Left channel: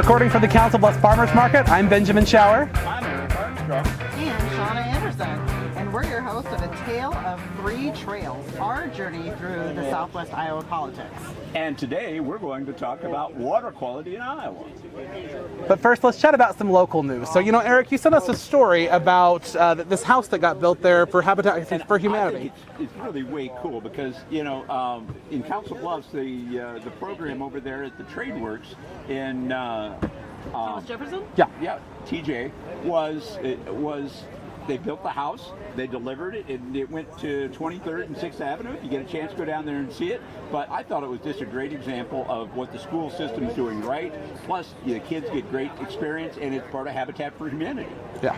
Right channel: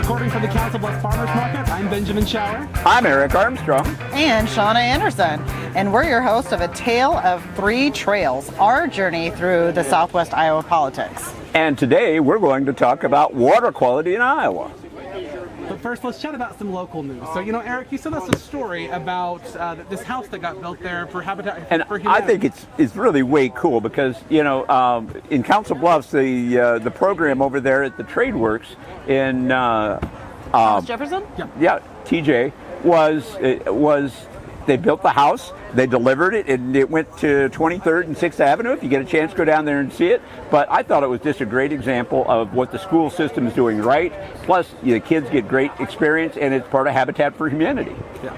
Recording from the Council Bluffs Farmers Market, I'm Benjamin Schauer. I'm Eric Armstrong. And Shawna Anderson. And we're your hosts of A Tale of Three Trails, our journey through the Southwest Iowa politics. And today we're going to talk about water quality in Iowa. But first, let's chat about some local news. So, Eric, you sent us a story about this house that got built there for Habitat for Humanity. I think it's really way cool because, in Council Bluffs, the program over there at the Trade Works in Thomas Jefferson? Yeah, TJ was they built the house, they delivered it, and it went to 23rd and 6th Avenue. If you get a chance, go down there and see it. But I thought it was just a great example of what the school system is doing right. Plus, the kids get great experience, and it's part of Habitat for Humanity. Yeah.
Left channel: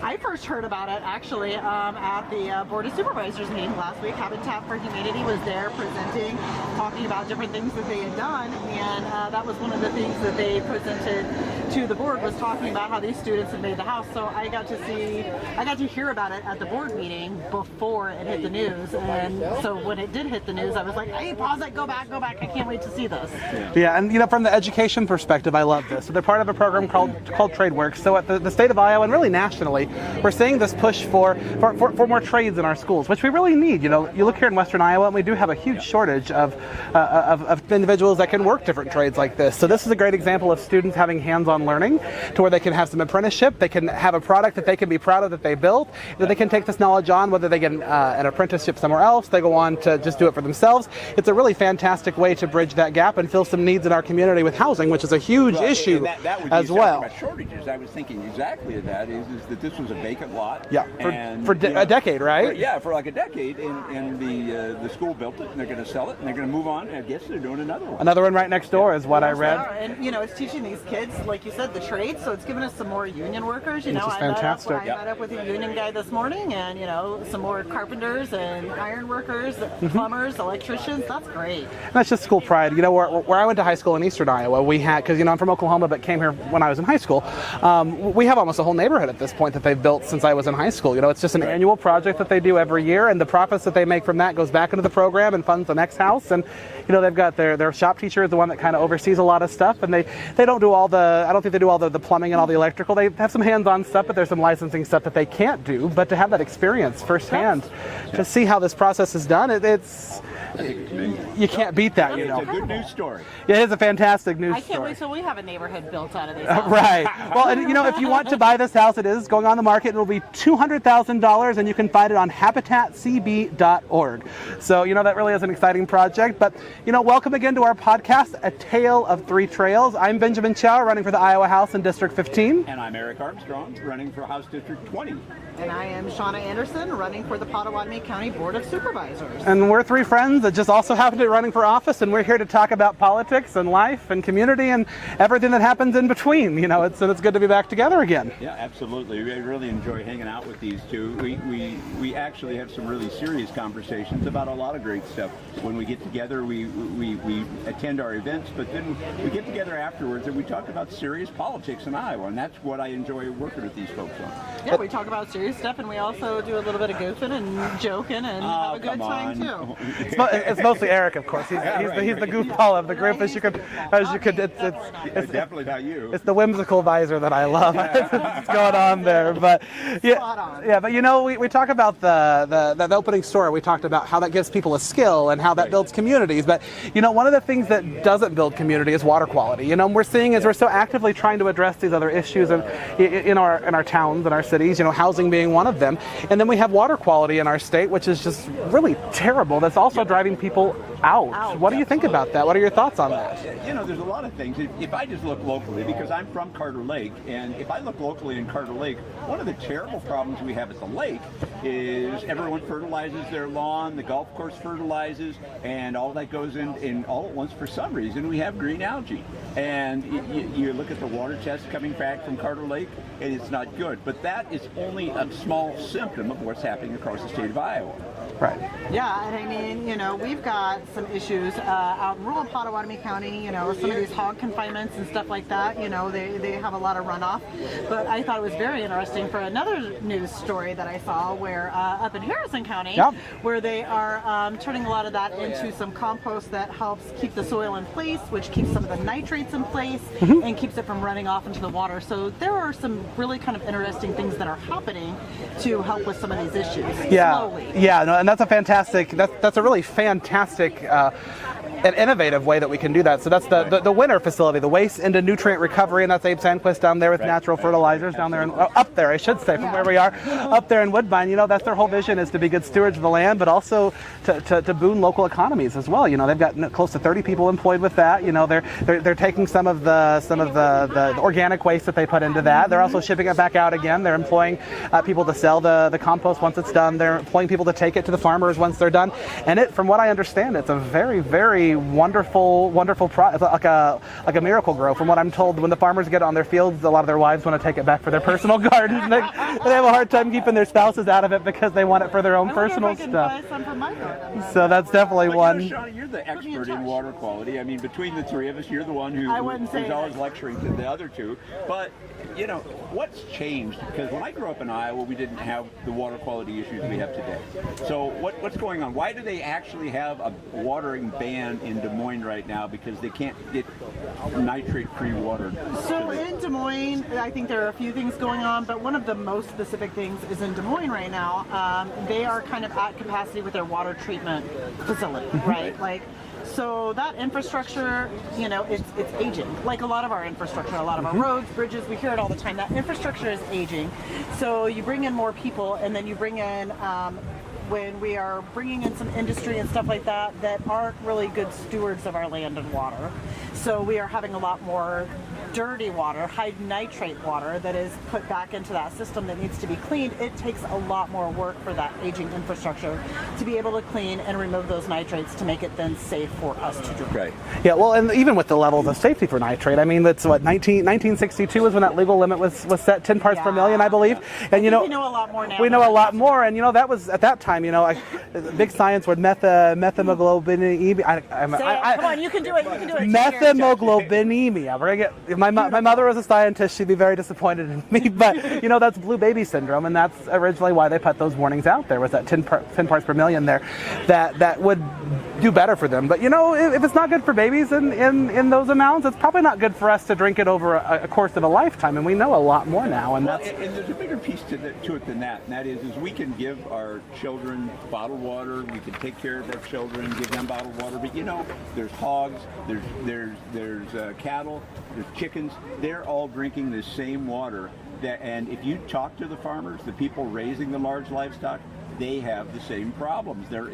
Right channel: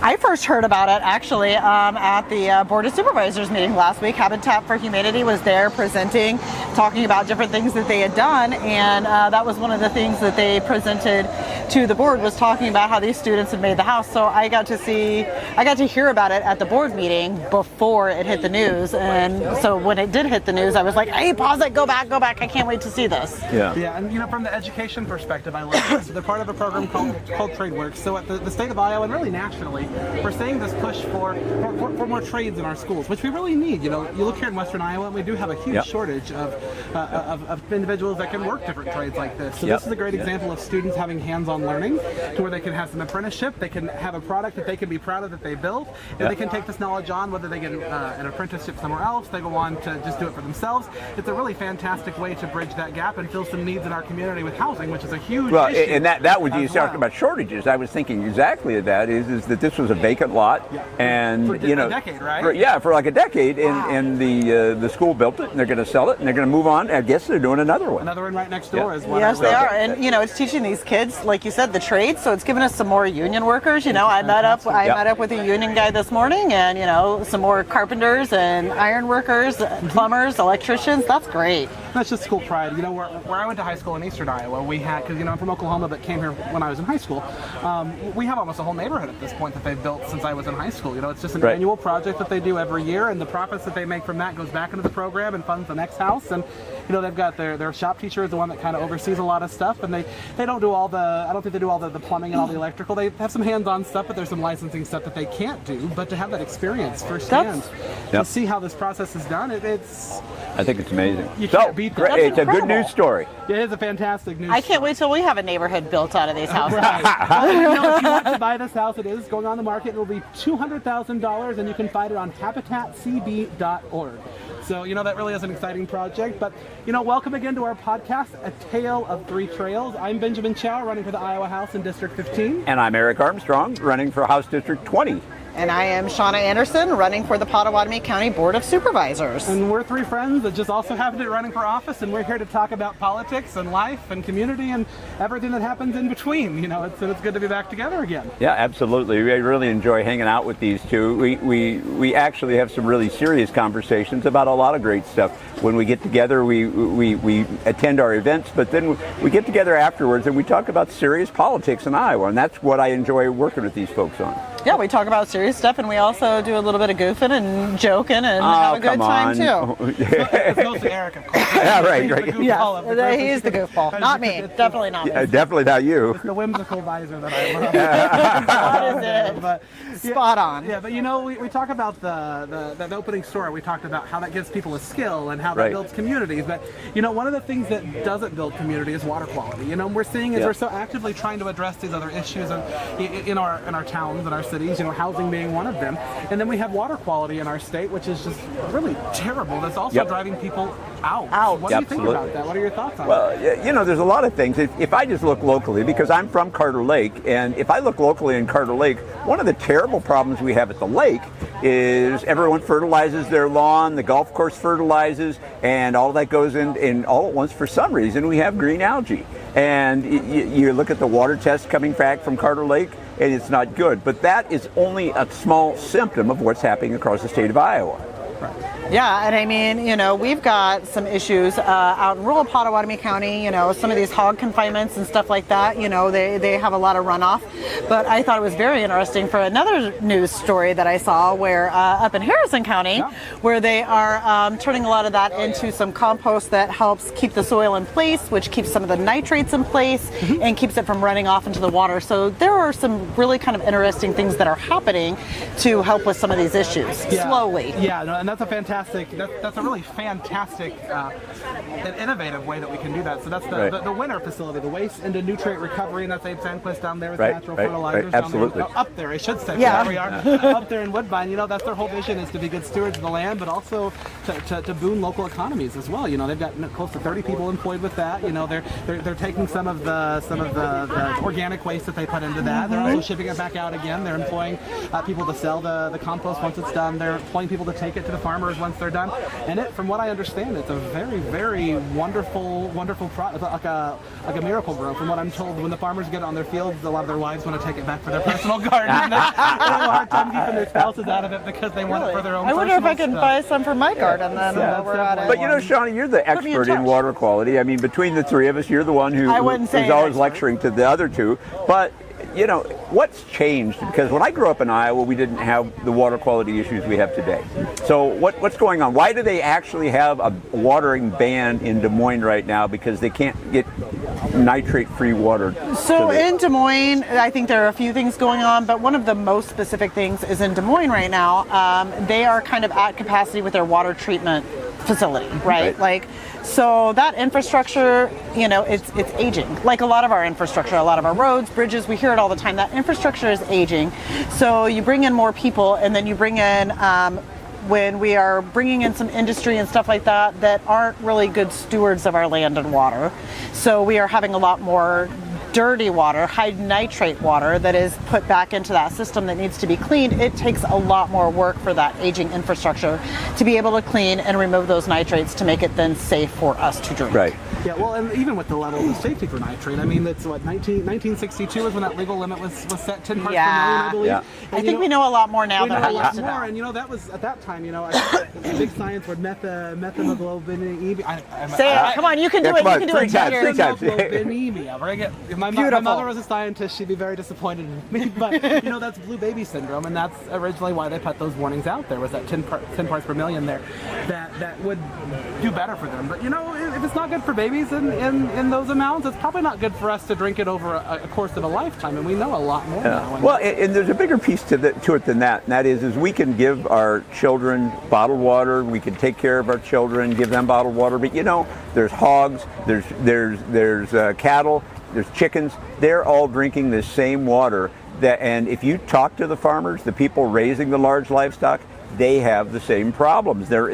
I first heard about it actually at the Board of Supervisors meeting last week. Habitat for Humanity was there presenting, talking about different things that they had done, and that was one of the things that they presented to the board, was talking about how these students had made the house. So I got to hear about it at the board meeting before it hit the news, and so when it did hit the news, I was like, hey, pause it, go back, I can't wait to see this. Yeah, and from the education perspective, I love this. So they're part of a program called Trade Works. So at the state of Iowa and really nationally, we're seeing this push for more trades in our schools, which we really need. You look here in Western Iowa, and we do have a huge shortage of individuals that can work different trades like this. So this is a great example of students having hands-on learning, to where they can have some apprenticeship, they can have a product that they can be proud of that they built, and they can take this knowledge on, whether they get an apprenticeship somewhere else, they go on to just do it for themselves. It's a really fantastic way to bridge that gap and fill some needs in our community with housing, which is a huge issue. And that was you well. talking about shortages. I was thinking exactly of that. Is that this was a vacant lot? Yeah. And for a decade, right? For like a decade, and the school built it, and they're going to sell it, and they're going to move on. I guess they're doing another one. Another one right next door is what I read. Yes, they are, and it's teaching these kids, like you said, the trades. So it's given us some more union workers. I met up with a union guy this morning, and some more carpenters and iron workers, plumbers, electricians. That's great. That's just school pride. Where I went to high school in Eastern Iowa, we had, because I'm from Oklahoma, but came here when I was in high school. We have almost a whole neighborhood at this point that they've built since I was in high school. It's just an annual project that they do every year, and the profits that they make from that goes back into the program and funds the next house. And they've got their shop teacher is the one that kind of oversees a lot of stuff, and they don't do all the, I don't think they do all the plumbing and all the electrical. They have some hands-on stuff, but there's some licensing stuff that they can't do. But to have that experience firsthand, to see how this process is done, I think it's amazing. You can't beat that. It's a good news story. It is a fantastic news story. I can't wait till we have a neighborhood built out of these houses. Right. Well, if you want to buy this house, it is going on the market. It will be $200,000, and you can find it on habitatcb.org. So, that really is an exciting project. But, welcome again to our podcast, A Tale of Three Trails. I'm Benjamin Schauer, running for the Iowa House in District 15. And I'm Eric Armstrong, running for House District 20. And I am Shawna Anderson, running for the Potawatomi County Board of Supervisors. And we're three friends that just also happen to be running for office, and we're here to talk about politics and life and community and everything that happens in between. It's good to be back together again. Yeah, absolutely. I really enjoy hanging out with these two. We actually have some really serious conversations about a lot of great stuff. When we get together, we attend our events, but then we get together afterwards and we talk about serious politics in Iowa, and that's what I enjoy working with these folks on. Yeah, we talk about serious stuff, and we also do a little bit of goofing and joking and have a good time too. It's mostly Eric, of course. Yeah, right. He's the goofball of the group. He's the goofball, not me. Definitely not. Definitely not you. It's the whimsical visor that I love. What's going on there? But spot on. Yeah, but we talk about the opening story. We talked about how that gives people a skill and how that builds communities. But one of the things that doesn't build community is water quality. We're seeing as we're so actively trying to address these other issues in our towns and our cities. Housing being one of them, and then we have water quality in our state, which is just really terrible. That's also driving people out. What do you think about that? What are your thoughts on that? There's a lot of things. If I just look locally, because I'm from Carter Lake, and if I look locally in Carter Lake, one of the terrible problems we have at the lake is everyone fertilizes their lawn, the golf course fertilizes, and all that goes in all at once. For some reason, we have green algae. And you look at the water test coming back from Carter Lake, and it's not good. But that is only a small symptom of what's happening across the state of Iowa. Right. Yeah, and I mean, you know, we've got some issues out in rural Potawatomi County, you know, some of these hog confinements and stuff like that, you know, they have a lot of runoff. But I thought it was very interesting for another news story that I saw where up in Harrison County, where they are turning a lot of that into some compost that helps keep the soil in place, which keeps some of the nitrates in place and keeps it from running off into the water. So there are some really kind of interesting things that are happening to help with some of these issues slowly. Yeah, no, and that's a fantastic, that's a really fantastic and innovative way that we can do that. So that's the winter facility, the waste into nutrient recovery, and that's Abe Sandquist down there with natural fertilizers down there, up there, I should say, where we are, up there in Woodbine. You know, that's their whole vision, is to be good stewards of the land, but also to boom local economies as well. You know, they've got close to 30 people employed with that. You know, they're taking some of the organic waste that they put into that. They're also shipping it back out again. They're employing people to sell the compost once it's done. They're employing people to take it to the farmers once they're done. And from what I understand, it's a very, very wonderful it's like a miracle grow. From what I'm told, when the farmers get on their fields, a lot of their wives want to take it back for their personal garden. They have a hard time keeping their spouses out of it because they want it for their own personal stuff. I wonder if I can buy some for my garden then. So that's definitely one. But you know, Shawna, you're the expert in water quality. I mean, between the three of us, you're the one who's always lecturing to the other two. But you know, what's changed? Because when I grew up in Iowa, we didn't have the water quality issues we have today. So what's going on? Why do they actually have a watering ban in Des Moines right now? Because they can't get nitrate-free water. So in Des Moines, I think there are a few things going on, but one of the most specific things is in Des Moines right now, they are kind of at capacity with their water treatment facility, right? Like, so that infrastructure, you know, it's aging. Like a lot of our infrastructure, a lot of our roads, bridges, we hear it all the time. That infrastructure is aging. So you bring in more people, and then you bring in, when we are bringing in some industry and stuff like that, that aren't really good stewards of our land and water. So we are having a lot more dirty water, high nitrate water that is put back into that system that needs to be cleaned. It takes a lot more work for that aging infrastructure to be able to clean and remove those nitrates to make it then safe for us to drink. Right. Yeah, well, and even with the levels of safety for nitrate, I mean, that's what, 1962 was when that legal limit was set, 10 parts per million, I believe. Yeah. And I think we know a lot more now. We know a lot more, and you know, that was, at that time, you know, big science word, methemoglobinemia. Come on, you can do it. You can do it. Methemoglobinemia. Bring it. My mother was a scientist. She'd be very disappointed in me, but you know, that's blue baby syndrome, and that's originally why they put those warnings out there, was that 10 parts per million there, that would do better for them. But you know, if it's not good for babies in those amounts, it's probably not good for us to drink it over a course of a lifetime, and we know a lot more now. And and there's a bigger piece to it than that, and that is we can give our children bottled water, we can take care of our children, give them bottled water, but you know, there's hogs, there's cattle, there's chickens. They're all drinking the same water. And if you talk to the farmers, the people raising the large livestock, they have the same problems. Their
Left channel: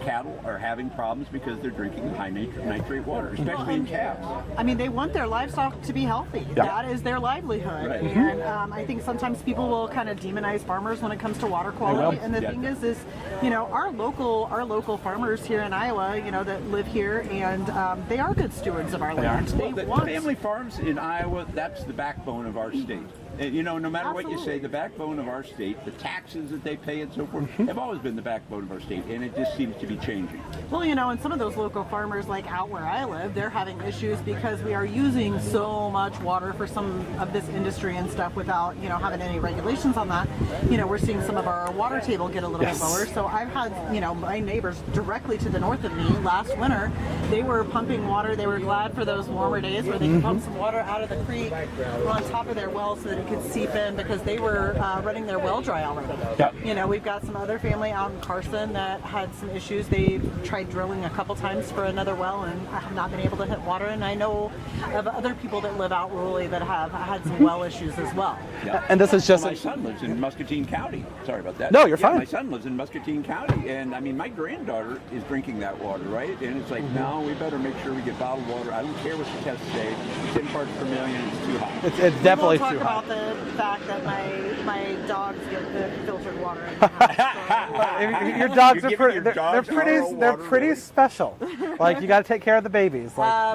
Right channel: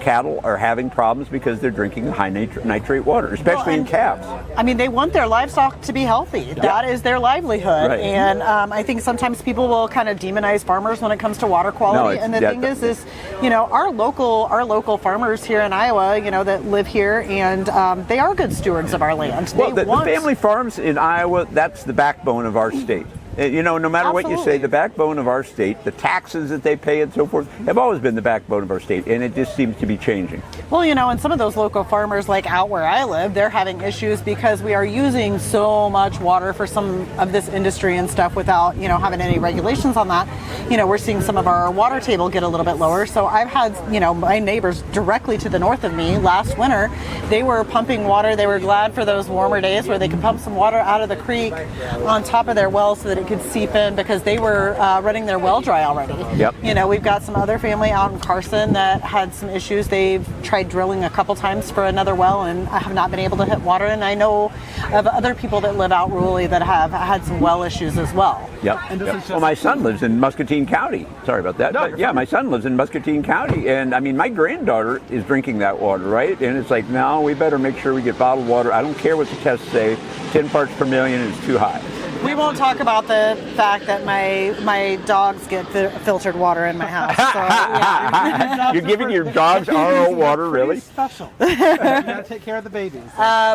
cattle are having problems because they're drinking high nitrate water, especially in calves. I mean, they want their livestock to be healthy. Yeah. That is their livelihood. Right. And I think sometimes people will kind of demonize farmers when it comes to water quality. And the thing is, you know, our local farmers here in Iowa, you know, that live here, and they are good stewards of our land. Well, the family farms in Iowa, that's the backbone of our state. You know, no matter what you say, the backbone of our state, the taxes that they pay and so forth, have always been the backbone of our state, and it just seems to be changing. Well, you know, and some of those local farmers, like out where I live, they're having issues because we are using so much water for some of this industry and stuff without, you know, having any regulations on that. You know, we're seeing some of our water table get a little bit lower. So I've had, you know, my neighbors directly to the north of me last winter, they were pumping water. They were glad for those warmer days where they could pump some water out of the creek on top of their well so that it could seep in, because they were running their well dry already. Yep. You know, we've got some other family out in Carson that had some issues. They've tried drilling a couple times for another well and have not been able to hit water. And I know of other people that live out rurally that have had some well issues as well. Yep. And this is just well, my son lives in Muscatine County. Sorry about that. No, you're fine. My son lives in Muscatine County, and I mean, my granddaughter is drinking that water, right? And it's like, no, we better make sure we get bottled water. I don't care what the tests say. 10 parts per million is too high. We won't talk about the fact that my dogs get filtered water in my house. So, yeah. You're giving your dogs RO water, pretty really? special. You got to take care of the babies.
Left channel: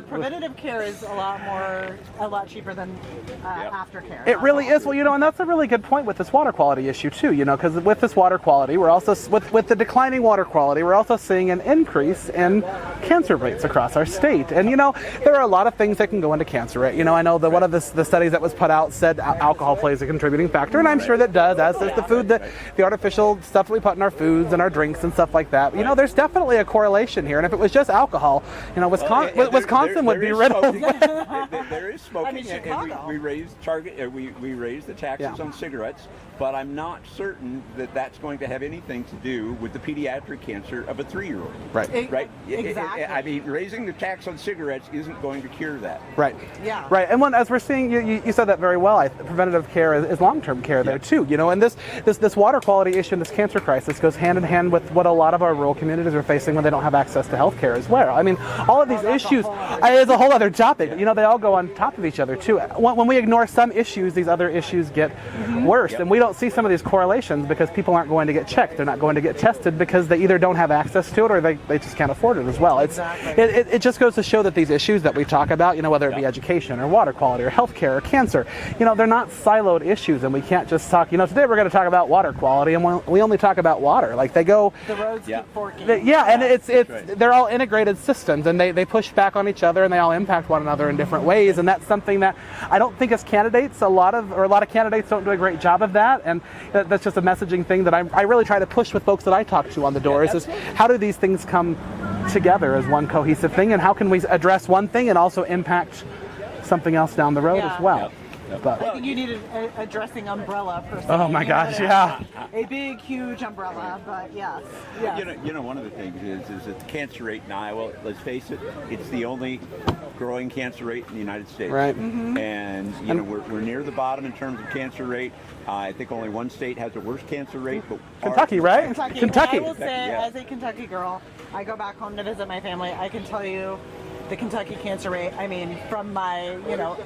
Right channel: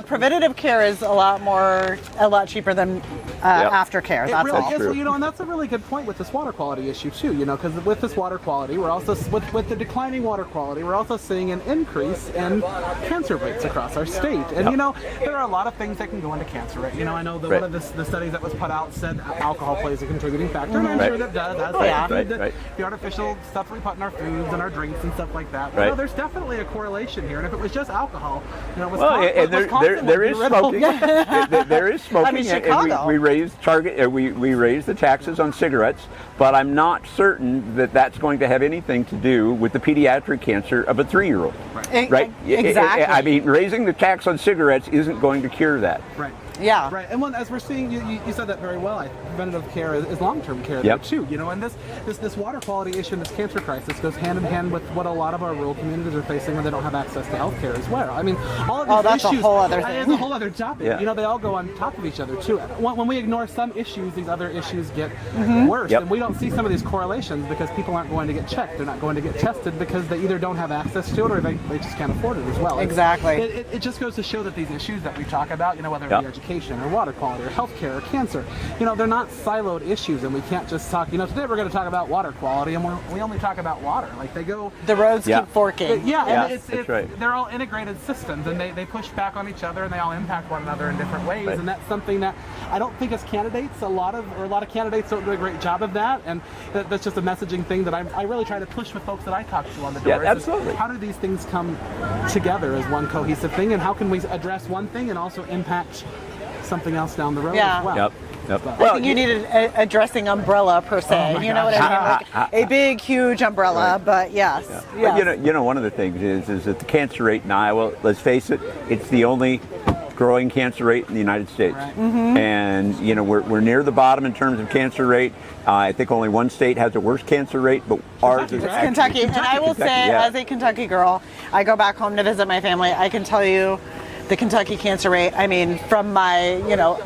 Preventative care is a lot cheaper than aftercare. It really is. true. Well, and that's a really good point with this water quality issue too. Because with this water quality, we're also with the declining water quality, we're also seeing an increase in cancer rates across our state. And there are a lot of things that can go into cancer rate. I know that one of the studies that was put out said alcohol plays a contributing factor, and I'm sure that does. As like the food, the artificial stuff that we put in our foods and our drinks and stuff like that. There's definitely a correlation here. And if it was just alcohol, Wisconsin would be riddled. There is smoking. I mean, Chicago. We raise the taxes on cigarettes, but I'm not certain that that's going to have anything to do with the pediatric cancer of a 3-year-old. Right. Exactly. I mean, raising the tax on cigarettes isn't going to cure that. Right. Yeah. Right. And as we're seeing, you said that very well. Preventative care is long-term care there too. And this water quality issue and this cancer crisis goes hand in hand with what a lot of our rural communities are facing when they don't have access to health care as well. I mean, all of these issues. It's a whole other topic. Yeah. They all go on top of each other too. When we ignore some issues, these other issues get worse, and we don't see some of these correlations because people aren't going to get checked. They're not going to get tested because they either don't have access to it or they just can't afford it as well. Exactly. It just goes to show that these issues that we talk about, whether it be education or water quality or healthcare or cancer, they're not siloed issues, and we can't just talk. Today we're going to talk about water quality, and we only talk about water. Like they go, the roads keep forking. And it's they're all integrated systems, and they push back on each other, and they all impact one another in different ways. Right. And that's something that I don't think as candidates, a lot of candidates don't do a great job of that. And that's just a messaging thing that I really try to push with folks that I talk to on the doors. Is how do these things come together as one cohesive thing, and how can we address one thing and also impact something else down the road as well? Yep. I think you need a dressing umbrella per se. Oh my gosh. A big, huge umbrella, but yes. But one of the things is that the cancer rate in Iowa, let's face it, it's the only growing cancer rate in the United States. Right. And we're near the bottom in terms of cancer rate. I think only one state has a worse cancer rate, but Kentucky, right? Kentucky. And I will say, as a Kentucky girl, I go back home to visit my family. I can tell you the Kentucky cancer rate, I mean, from my,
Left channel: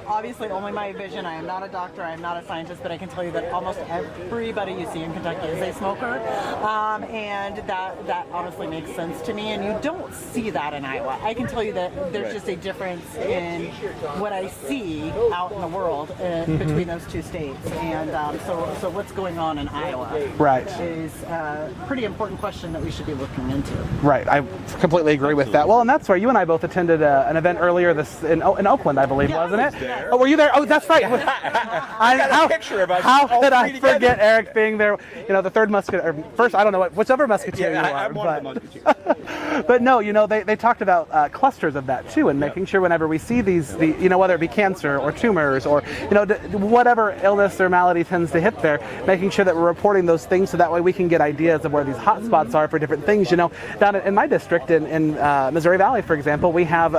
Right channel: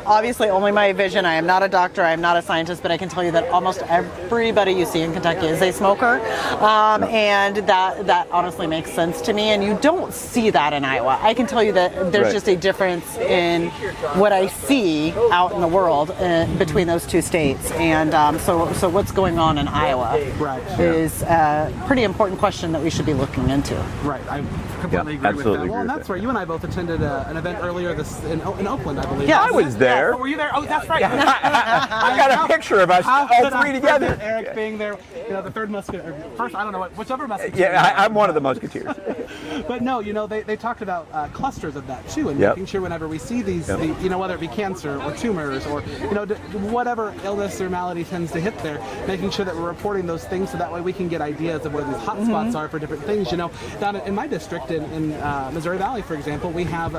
obviously only my vision. I am not a doctor, I am not a scientist, but I can tell you that almost everybody you see in Kentucky is a smoker. And that honestly makes sense to me. And you don't see that in Iowa. I can tell you that there's just a difference in what I see out in the world between those two states. And so what's going on in Iowa is a pretty important question that we should be looking into. Right, I completely agree with that. Well, and that's where you and I both attended an event earlier in Oakland, I believe. Yeah, I was there. Oh, were you there? Oh, that's right. I got a picture of us all three I together. forget Eric being there? The third musketeer. First, I don't know whichever musketeer. Yeah, I'm one of the musketeers. But no, they talked about clusters of that too, and making sure whenever we see these, whether it be cancer or tumors or whatever illness or malady tends to hit there, making sure that we're reporting those things so that way we can get ideas of where these hot spots are for different things. Down in my district in Missouri Valley, for example, we have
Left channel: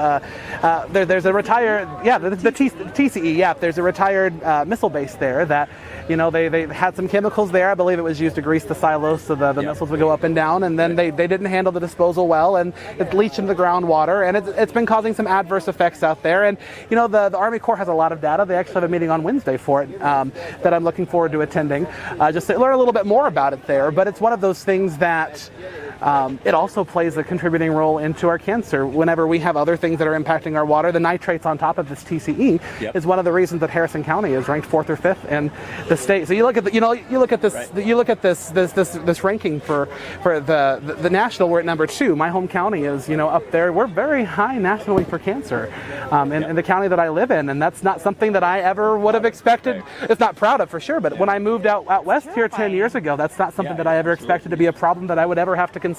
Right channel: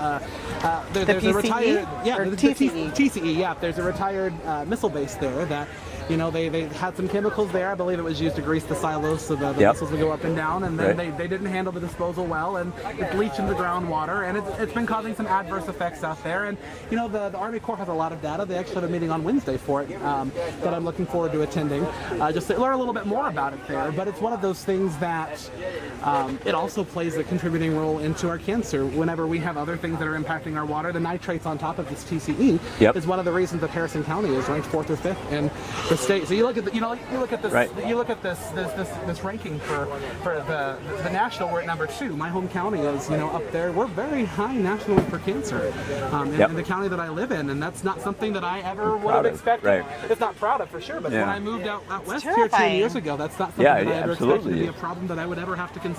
there's a retired TCE. There's a retired missile base there that they had some chemicals there. I believe it was used to grease the silos so the missiles would go up and down, and then they didn't handle the disposal well, and it leached into the groundwater, and it's been causing some adverse effects out there. And the Army Corps has a lot of data. They actually have a meeting on Wednesday for it that I'm looking forward to attending, just to learn a little bit more about it there. But it's one of those things that it also plays a contributing role into our cancer. Whenever we have other things that are impacting our water, the nitrates on top of this TCE is one of the reasons that Harrison County is ranked 4th or 5th in the state. So you look at this ranking for the national. We're at number 2. My home county is up there. We're very high nationally for cancer in the county that I live in, and that's not something that I ever would have expected. Right. It's not proud of for sure, but when I moved out west here 10 years ago, that's not something that I ever expected to be a problem that I would ever have to consider.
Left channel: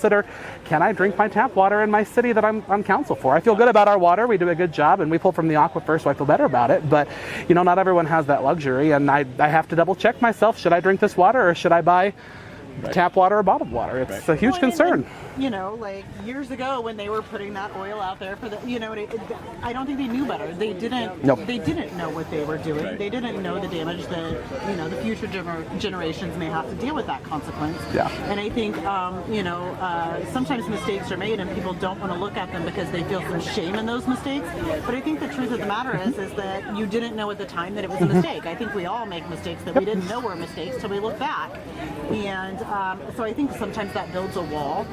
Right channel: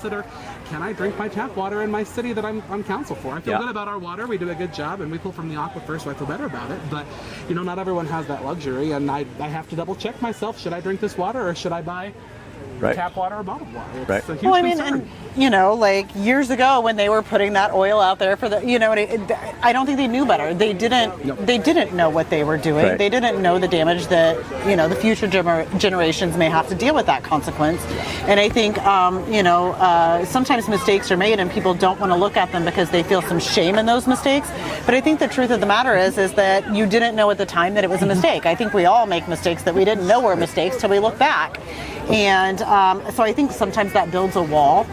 Can I drink my tap water in my city that I'm council for? I feel good about our water. We do a good job, and we pull from the aquifer, so I feel better about it. But not everyone has that luxury, and I have to double check myself. Should I drink this water, or should I buy Right. tap water or bottled water. It's Right. a huge concern. And, you know, like years ago when they were putting that oil out there for the, you know, I don't think they knew better. They didn't. Nope. They didn't know what they were doing. Right. They didn't know the damage that, you know, the future generations may have to deal with that consequence. Yeah. And I think, you know, sometimes mistakes are made and people don't want to look at them because they feel some shame in those mistakes. But I think the truth of the matter is that you didn't know at the time that it was a mistake. I think we all make mistakes that we didn't know were mistakes till we look back. And so I think sometimes that builds a wall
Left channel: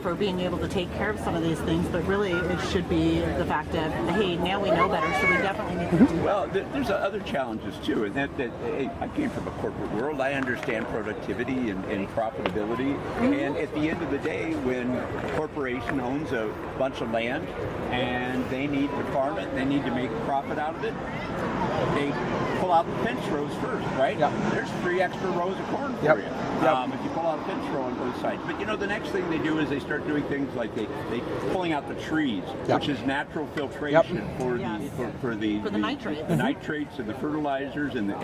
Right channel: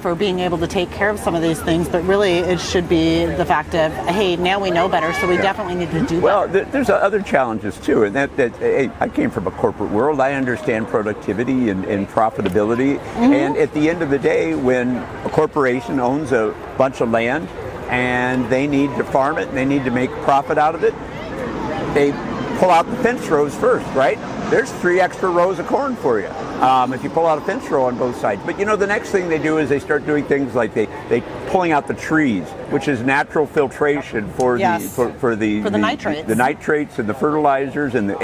for being able to take care of some of these things, but really it should be the fact of, hey, now we know better, so we definitely need to do Well, better. there's other challenges too, and that hey, I came from a corporate world. I understand productivity and profitability, and at the end of the day, when a corporation owns a bunch of land and they need to farm it, and they need to make profit out of it, they pull out the fence rows first, right? There's 3 extra rows of corn for you if you pull out a fence row on both sides. But you know, the next thing they do is they start doing things like they pulling out the trees, which is natural filtration for the nitrates. the nitrates and the fertilizers and the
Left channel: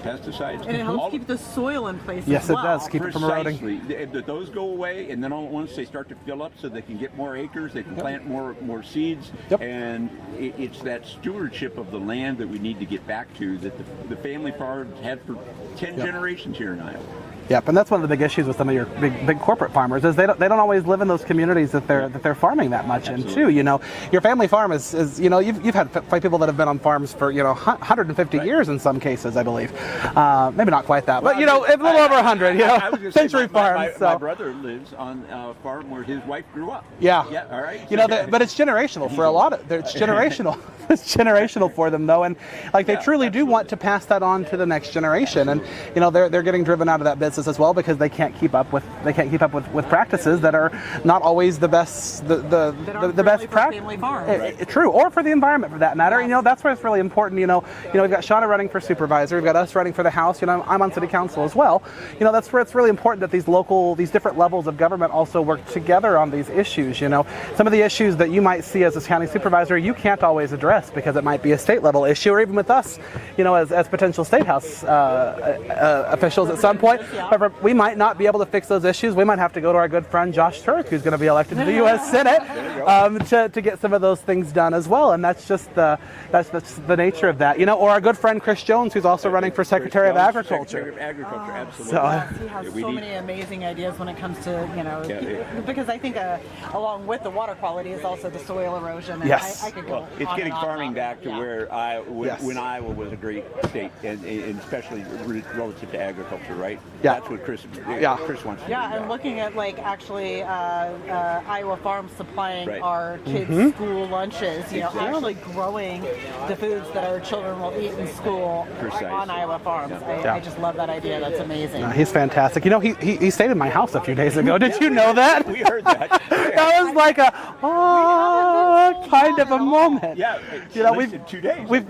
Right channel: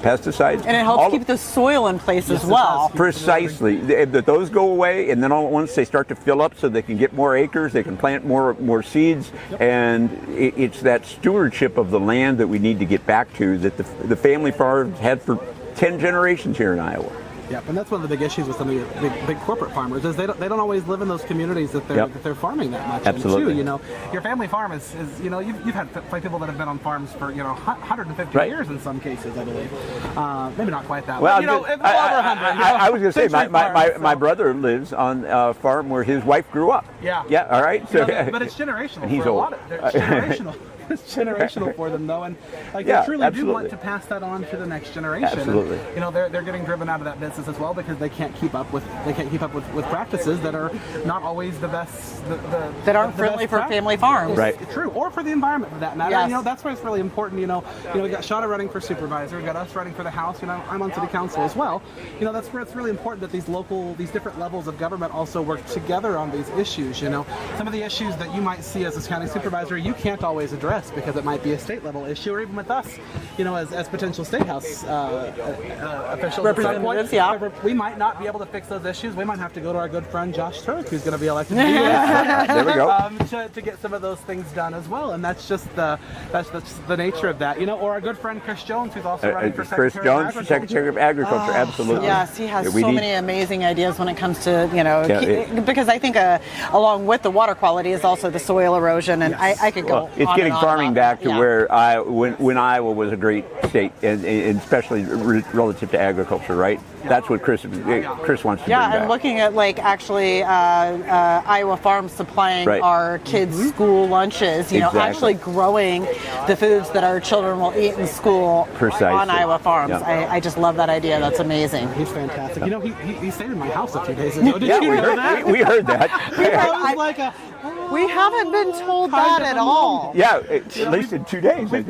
pesticides. And it helps keep the soil in place Yes, as it well. does. Keep it from Precisely. Those go away, and then all at once they start to fill up so they can get more acres, they can plant more seeds, and it's that stewardship of the land that we need to get back to that the family farms had for 10 generations here in Iowa. Yep, and that's one of the big issues with some of your big corporate farmers is they don't always live in those communities that they're farming that much Absolutely. in too. You know, your family farm is you know you've had people that have been on farms for 150 years in some cases, I believe. Maybe not quite that, but you know, a little over 100. I was going to say my so. brother lives on a farm where his wife grew up. Yeah. Yeah. All right. You know, but it's generational He's for a old. lot of. It's generational. It's generational for them though, and like they truly do want to pass that on to the next generation. Absolutely. And you know, they're getting driven out of that business as well because they can't keep up with practices that are not always the best. That aren't friendly for family farms. Right. True, or for the environment for that matter. Yes. You know, that's where it's really important. You know, we've got Shawna running for supervisor. We've got us running for the House. You know, I'm on city council as well. You know, that's where it's really important that these different levels of government also work together on these issues. You know, some of the issues that you might see as a county supervisor, you can't always address because it might be a state level issue, or even with us, you know, as potential state house officials at some point. Yeah. However, we might not be able to fix those issues. We might have to go to our good friend Josh Turk, who's going to be elected to the U.S. Senate, There we go. to get some of those things done as well. And that's just the nature of that, you know. Or our good friend Chris Jones, who's also running for Secretary of Agriculture. Secretary of Agriculture, absolutely. Yes, he has We so need- many amazing ideas when it comes to, you know, because I think along with the water quality is also the soil erosion, and Yes. I could go Well, it's on getting and on farming about back it. to Yeah. where when Iowa was a great state, and especially relative to agriculture, right? Yeah. That's what Chris wants to bring Yeah, and back. looking at like actually Iowa farms supplying Right. our kids' school lunches, you know, Exactly. actually growing the foods that our children will eat in school Precisely. on Iowa farms. Yeah. I just love that idea. That's amazing. He's fantastic. You know, he stayed in my house a few days ago. Did you we know heard- that? We heard that. That was like a We haven't been told kind that of at a all. moment. Yeah, know, at least in 2 days. We've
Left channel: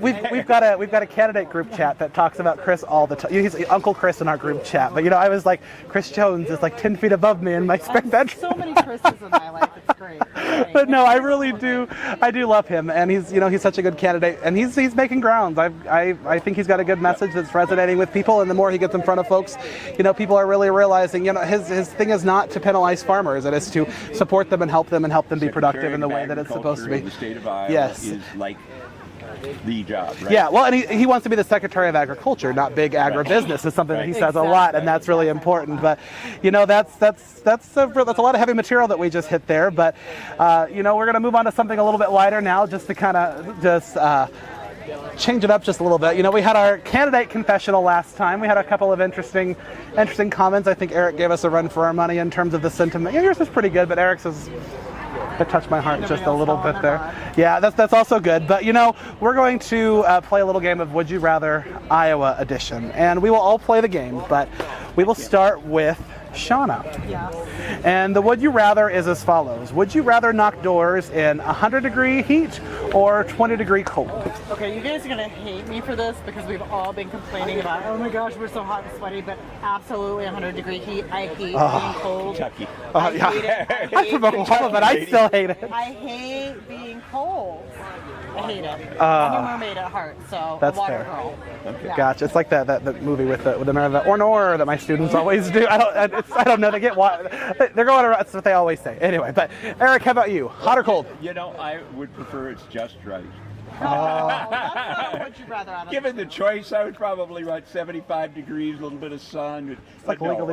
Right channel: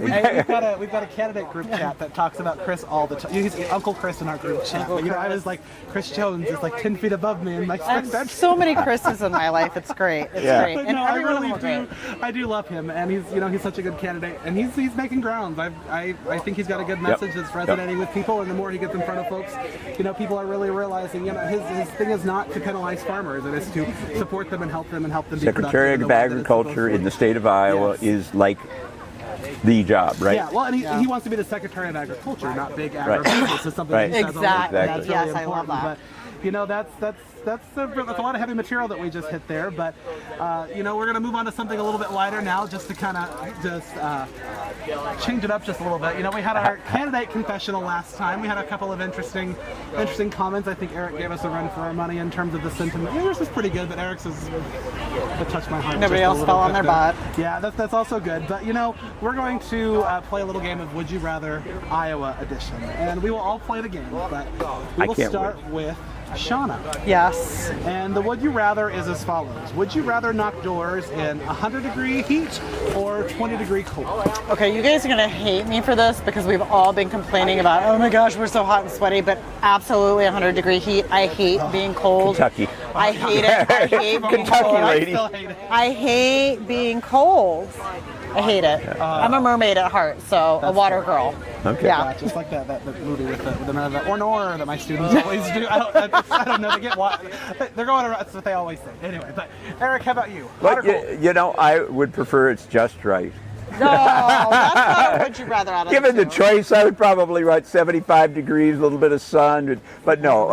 got a candidate group chat that talks about Chris all the time. He's Uncle Chris in our group chat. But you know, I was like, Chris Jones is like 10 feet above me in my I spare have bedroom. so many Chris's in my life. It's great. It's great. But And no, I everyone really will do. agree. I do love him, and he's such a good candidate, and he's making grounds. I think he's got a good message that's resonating with people, and the more he gets in front of folks, you know, people are really realizing, you know, his thing is not to penalize farmers; it is to support them and help them be productive Secretary in the of way that it's supposed Agriculture to in be. the state of Iowa Yes. is like the job, right? Yeah, well, and he wants to be the Secretary of Agriculture, not big agribusiness. Is something that he Right. says a lot, Exactly. and that's really Yes, I love important. that. But you know, that's a lot of heavy material that we just hit there. But you know, we're going to move on to something a little bit lighter now, just to kind of change it up just a little bit. You know, we had our candidate confessional last time. We had a couple of interesting comments. I think Eric gave us a run for our money in terms of the sentiment. Yeah, yours is pretty good, but Eric's is it touched my heart Nobody just a else little fell on bit their there. butt. Yeah, that's also good. But you know, we're going to play a little game of Would You Rather Iowa edition, and we will all play the game, but we will can't start with Shawna. Yes. And the would you rather is as follows. Would you rather knock doors in 100-degree heat or 20-degree cold? Okay, you guys are gonna hate me for this because we've all been complaining about, oh my gosh, we're so hot and sweaty, but absolutely 100-degree heat. I hate being cold. Kentucky. I hate it. I hate being cold. I still hate it. I hate being cold. I hate it. I'm a mermaid at heart, so a water fair. girl. Okay. Yeah. Gotcha. It's like that movie with the or that my students always do. I don't know. They get water. They're going around. That's what they always say. Anyway, but Eric, how about you? Hot or cold? You know, I would prefer it's just right. No, that's not what you'd rather out of Given the two. choice, I would probably write 75 degrees, a little bit of sun, but no.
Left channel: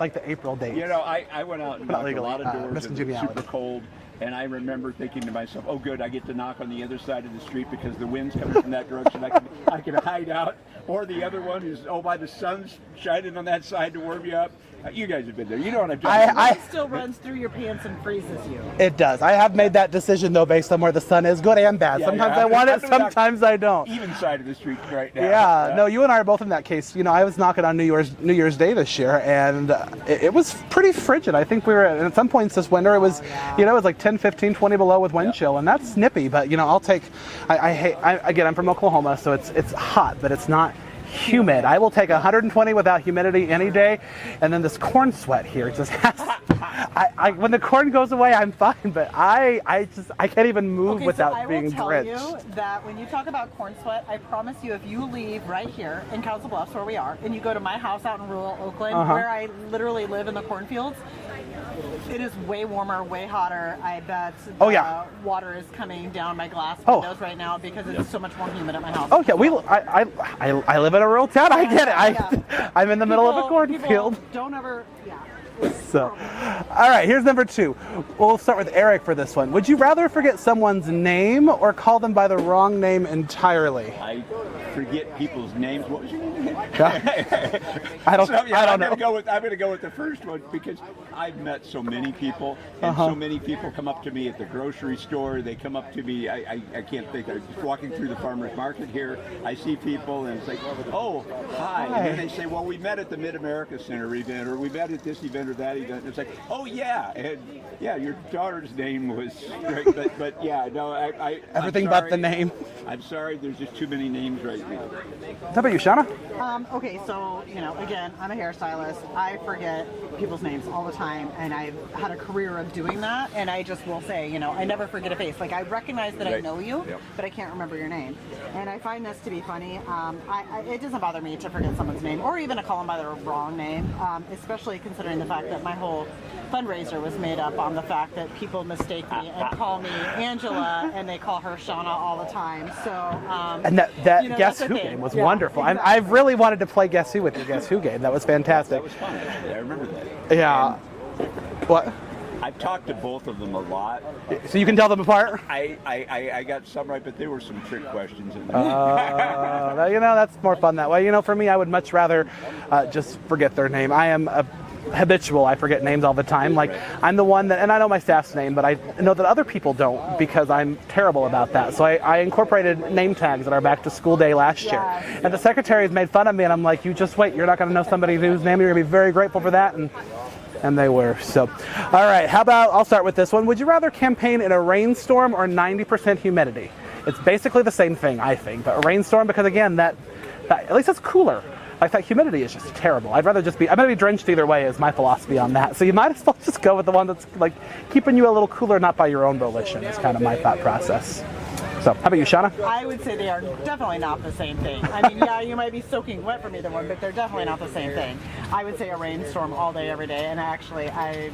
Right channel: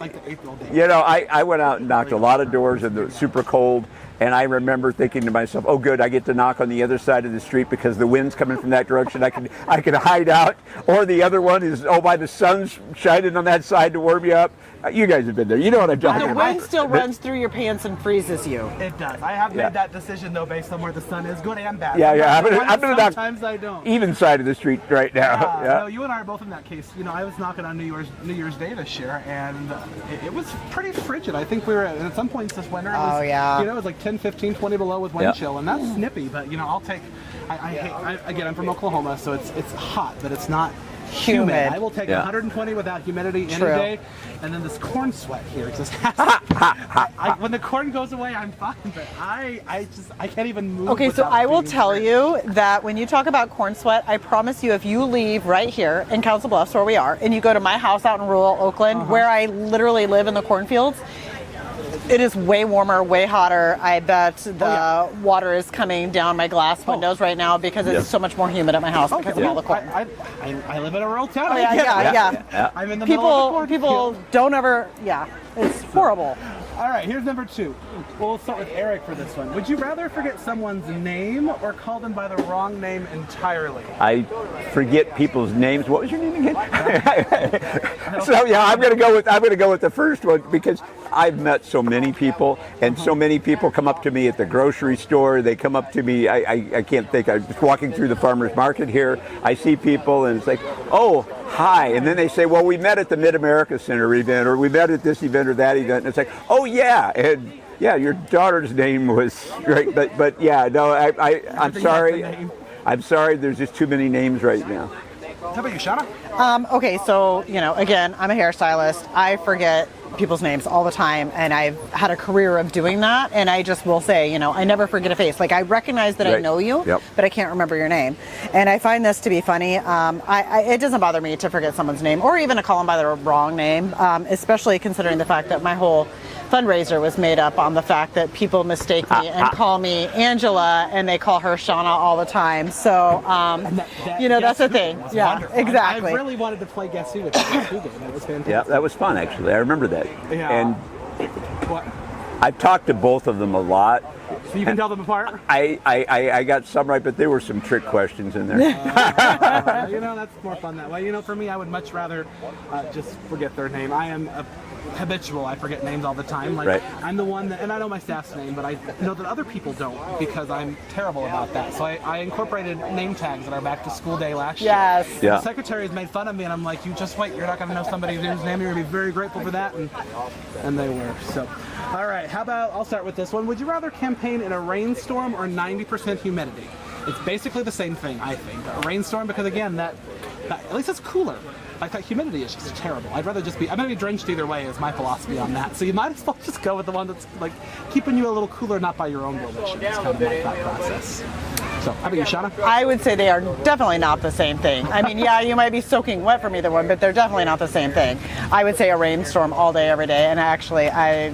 Like the April date. You know, I went out and knocked a lot of doors in the super cold, and I remember thinking to myself, oh good, I get to knock on the other side of the street because the wind's coming from that direction. I can hide out. Or the other one is, oh my, the sun's shining on that side to warm you up. You guys have been there. You know what I'm talking about. Mine still runs through your pants and freezes you. It does. I have made that decision though, based on where the sun is, good and bad. Yeah, Sometimes yeah. I want it, sometimes I don't. Even side of the street right now. Yeah, no, you and I are both in that case. You know, I was knocking on New Year's Day this year, and it was pretty frigid. I think we were at some points this winter. It was, you know, it was like 10, 15, 20 below with wind chill, and that's snippy. But you know, I'll take. Again, I'm from Oklahoma, so it's hot, but it's not humid. I will take 120 without humidity any day, and then this corn sweat here just when the corn goes away, I'm fine, but I can't even move. Okay, so I will tell you that when you talk about corn sweat, I promise you, if you leave right here in Council Bluffs, where we are, and you go to my house out in rural Oakland, where I literally live in the cornfields, it is way warmer, way hotter. I bet the water is coming down my glass windows right now because it's so much more humid at my house. Okay, I live in a rural town. I get it. I'm in the middle of a cornfield. People don't ever, it's horrible. All right, here's number 2. We'll start with Eric for this one. Would you rather forget someone's name or call them by the wrong name entirely? I forget people's names. What was your name again? I'm going to go with the first one because I've met so many people, and so many people come up to me at the grocery store. They come up to me. I can't think. I'm just walking through the farmers market here. I see people, and it's like, oh, hi. And then they say, well, we met at the Mid-America Center event, or we met at this event or that event. And it's like, oh, yeah. And yeah, your daughter's name was great. But yeah, no, I'm sorry. The name. I'm sorry. There's just too many names right now. How about you, Shawna? Okay, so, you know, again, I'm a hairstylist. I forget people's names all the time, and I've had a career of doing that, and I just will say, you know, I never forget a face. Like, I recognize that I know you, but I can't remember your name. And I find this to be funny. It doesn't bother me to forget someone's name, or even to call them by the wrong name, especially considering the fact that my whole fundraiser was made up on the fact that people mistake me and call me Angela, and they call her Shawna all the time. So, and that you know, Guess that's the Who thing. Game was Yeah, wonderful. exactly. I really wanted to play Guess Who with the Guess Who game. That was fantastic. Yeah, that was fun, actually. I remember that. Yeah. And what? I've talked to both of them a lot. So you can tell them apart? I got some right, but there were some trick questions in there. You know, that's more fun that way. You know, for me, I would much rather just forget their name. I am habitual. I forget names all the time. Like, I'm the one that, and I know my staff's name, but I know that other people don't because I'm terrible about that. So I incorporated name tags at our back to school day last year. And the secretaries made fun of me, and I'm like, you just wait. You're not going to know somebody whose name you're going to be very grateful for that. And they were. So, all right. How about, I'll start with this one. Would you rather campaign in a rainstorm or 90% humidity? It's basically the same thing, I think. But a rainstorm, because again, that at least that's cooler. Like, that humidity is just terrible. I'm going to be drenched either way is my philosophy on that. So you might as well just go with the one that's like keeping you a little cooler, not by your own volition. It's kind of my thought process. So, how about you, Shawna? I would say they are definitely not the same thing. I mean, yeah, you might be soaking wet from either one, but they're definitely not the same thing. I would say a rainstorm all day, every day, and actually,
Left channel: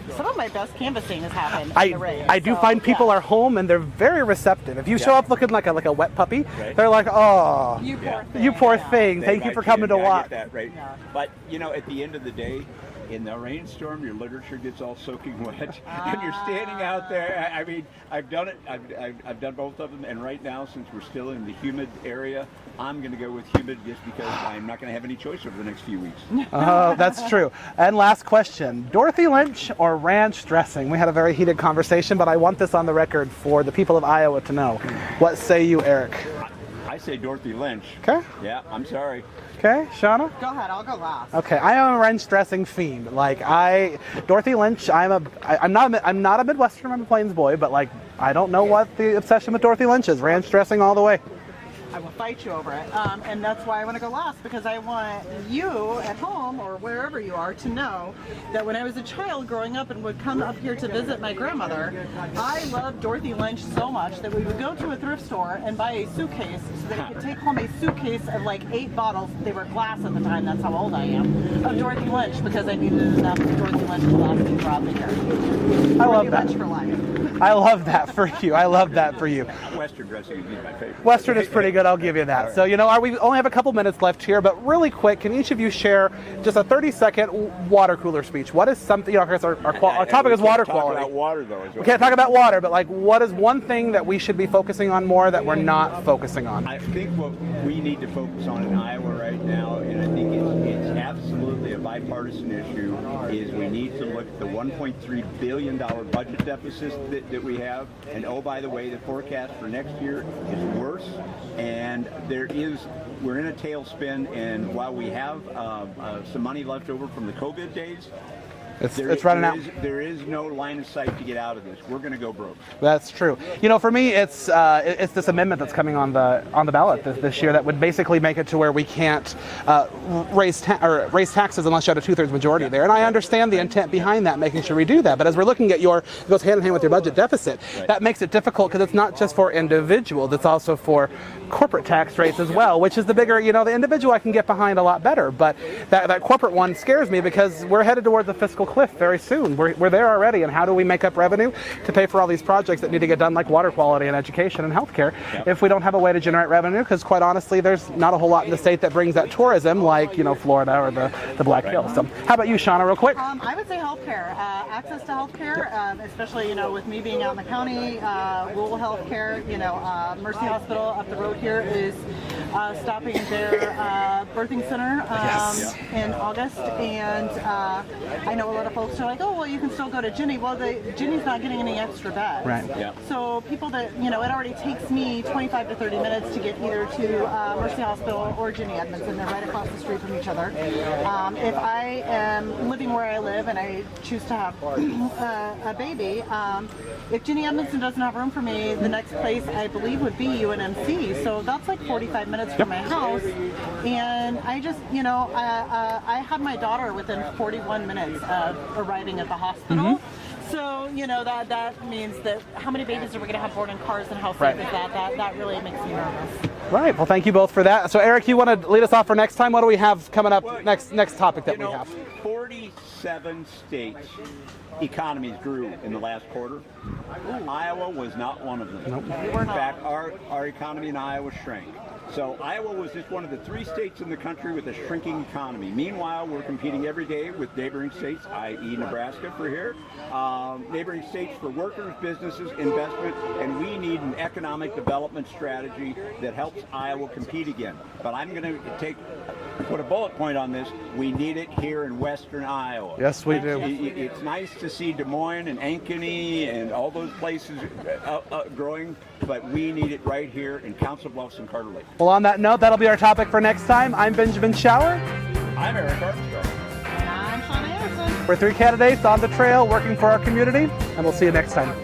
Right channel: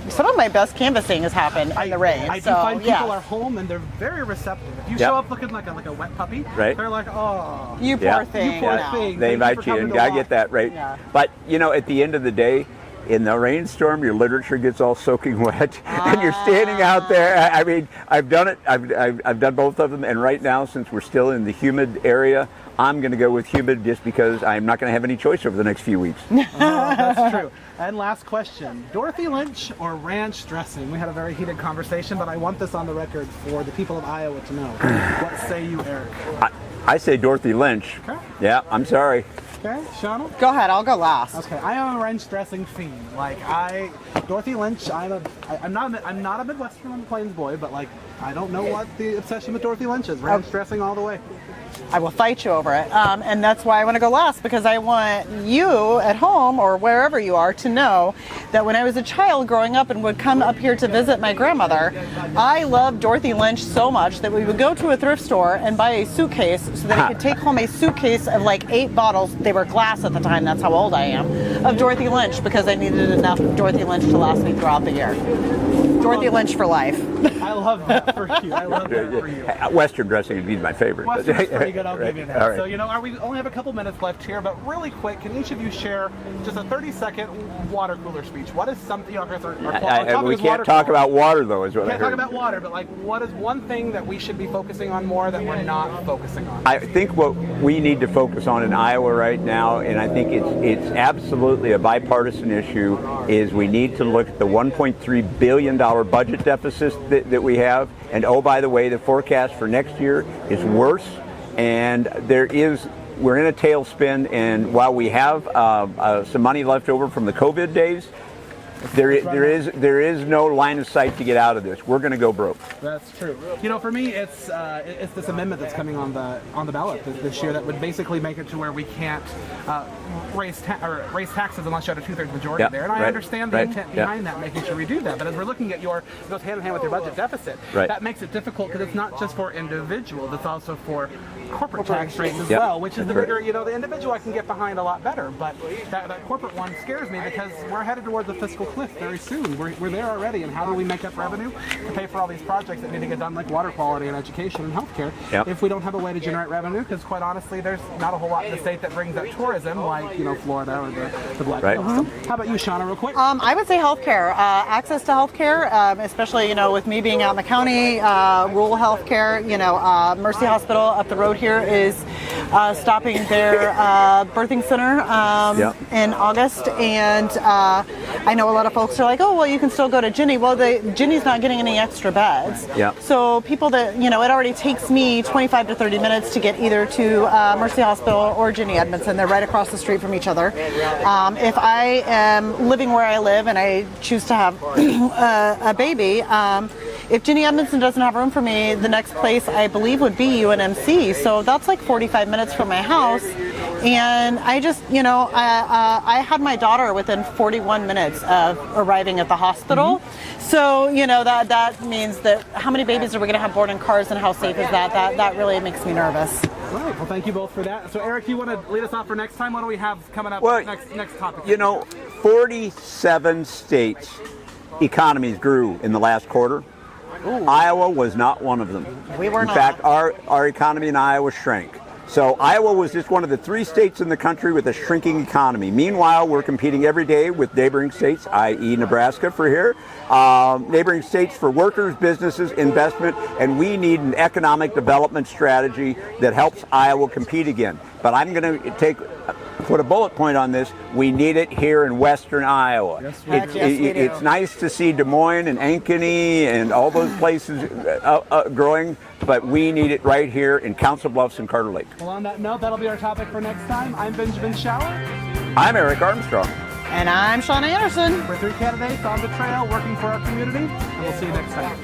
some of my best canvassing has happened in the rain. I do find people are home and they're very receptive. If you show up looking like a wet puppy, they're like, oh, you poor thing. You poor thing. Thank you for coming to watch. I get that, right? Yeah. But, you know, at the end of the day, in the rainstorm, your literature gets all soaking wet, and you're standing out there. I mean, I've done it. I've done both of them, and right now, since we're still in the humid area, I'm going to go with humid just because I'm not going to have any choice over the next few weeks. Oh, that's true. And last question, Dorothy Lynch or ranch dressing? We had a very heated conversation, but I want this on the record for the people of Iowa to know. What say you, Eric? I say Dorothy Lynch. Okay. Yeah, I'm sorry. Okay, Shawna? Go ahead, I'll go last. Okay, I am a ranch dressing fiend. Like, Dorothy Lynch, I'm not a Midwestern, I'm a Plains boy, but like, I don't know what the obsession with Dorothy Lynch is. Ranch dressing all the way. I will fight you over it. And that's why I want to go last, because I want you at home or wherever you are to know that when I was a child growing up and would come up here to visit my grandmother, I loved Dorothy Lynch so much that we would go to a thrift store and buy a suitcase so that I could take home a suitcase of like 8 bottles, they were glass at the time, that's how old I am, of Dorothy Lynch, because I needed enough of Dorothy Lynch to last me throughout the year. Dorothy Lynch for life. I love that for you. I love that for you. Western dressing would be my favorite. Western is pretty good, I'll give you that. Right. So, we only have a couple minutes left here, but really quick, can each of you share just a 30-second water cooler speech? What is something, because our topic is water. We can't talk about water, though, is what Can't talk about water, but like, what is one thing that we should be focusing on more that we're not focusing on? I think what we need to focus on in Iowa right now, and I think it's absolutely a bipartisan issue, is we need to look at the $1.3 billion budget deficit that we have. And oh, by the way, the forecast for next year is worse. And we're in a tailspin. And while we have some money left over from the COVID days, there is no line of sight to get out of this. We're going to go broke. That's true. For me, it's this amendment that's coming on the ballot this year that would basically make it to where we can't raise taxes unless you have a 2/3 majority there. And I understand the intent behind that, making sure we do that. But as we're looking at it goes hand in hand with your budget deficit. That makes it difficult because it's not just for individuals; it's also for corporate tax rates as well, which is the bigger. The individual I can get behind a lot better, but that corporate one scares me because we're headed towards the fiscal cliff very soon. We're there already, and how do we make up revenue to pay for all these projects that need to get done, like water quality and education and healthcare, if we don't have a way to generate revenue? Because quite honestly, there's not a whole lot in the state that brings that tourism, like Florida or the Black Hills. So how about you, Shawna, real quick? I would say healthcare, access to healthcare, especially with me being out in the county, rural healthcare. Mercy Hospital up the road here is stopping their birthing center in August, and I know a lot of folks are like, oh, well, you can still go to Ginny. Well, Ginny's not getting any extra beds. So people that, it already takes me 25 to 30 minutes to get either to Mercy Hospital or Ginny Edmondson. They're right across the street from each other. If I am living where I live and I choose to have a baby, if Ginny Edmondson doesn't have room for me, the next place I believe would be UNMC. So that's like 45 minutes from my house. And I just, I had my daughter within 41 minutes of arriving at the hospital. So, that means that how many babies are we going to have born in cars, and how safe is that? That really makes me nervous. Right. Well, thank you both for that. So, Eric, you want to lead us off for next time? What do we have coming up next topic? 47 states' economies grew in the last quarter. Ooh. Iowa was not one of them. We were not. In fact, our economy in Iowa shrank. So Iowa was just one of the 3 states in the country with a shrinking economy. Meanwhile, we're competing every day with neighboring states, i.e. Nebraska for here, neighboring states for workers, businesses, investment, and we need an economic development strategy that helps Iowa compete again. But I'm going to put a bullet point on this. We need it here in western Iowa. Yes, we do. It's nice to see Des Moines and Ankeny and all those places growing, but we need it right here in Council Bluffs and Carter Lake. Well, on that note, that'll be our topic for next time. I'm Benjamin Schauer. I'm Eric Armstrong. And I'm Shawna Anderson. We're 3 candidates on the trail working for our community, and we'll see you next time.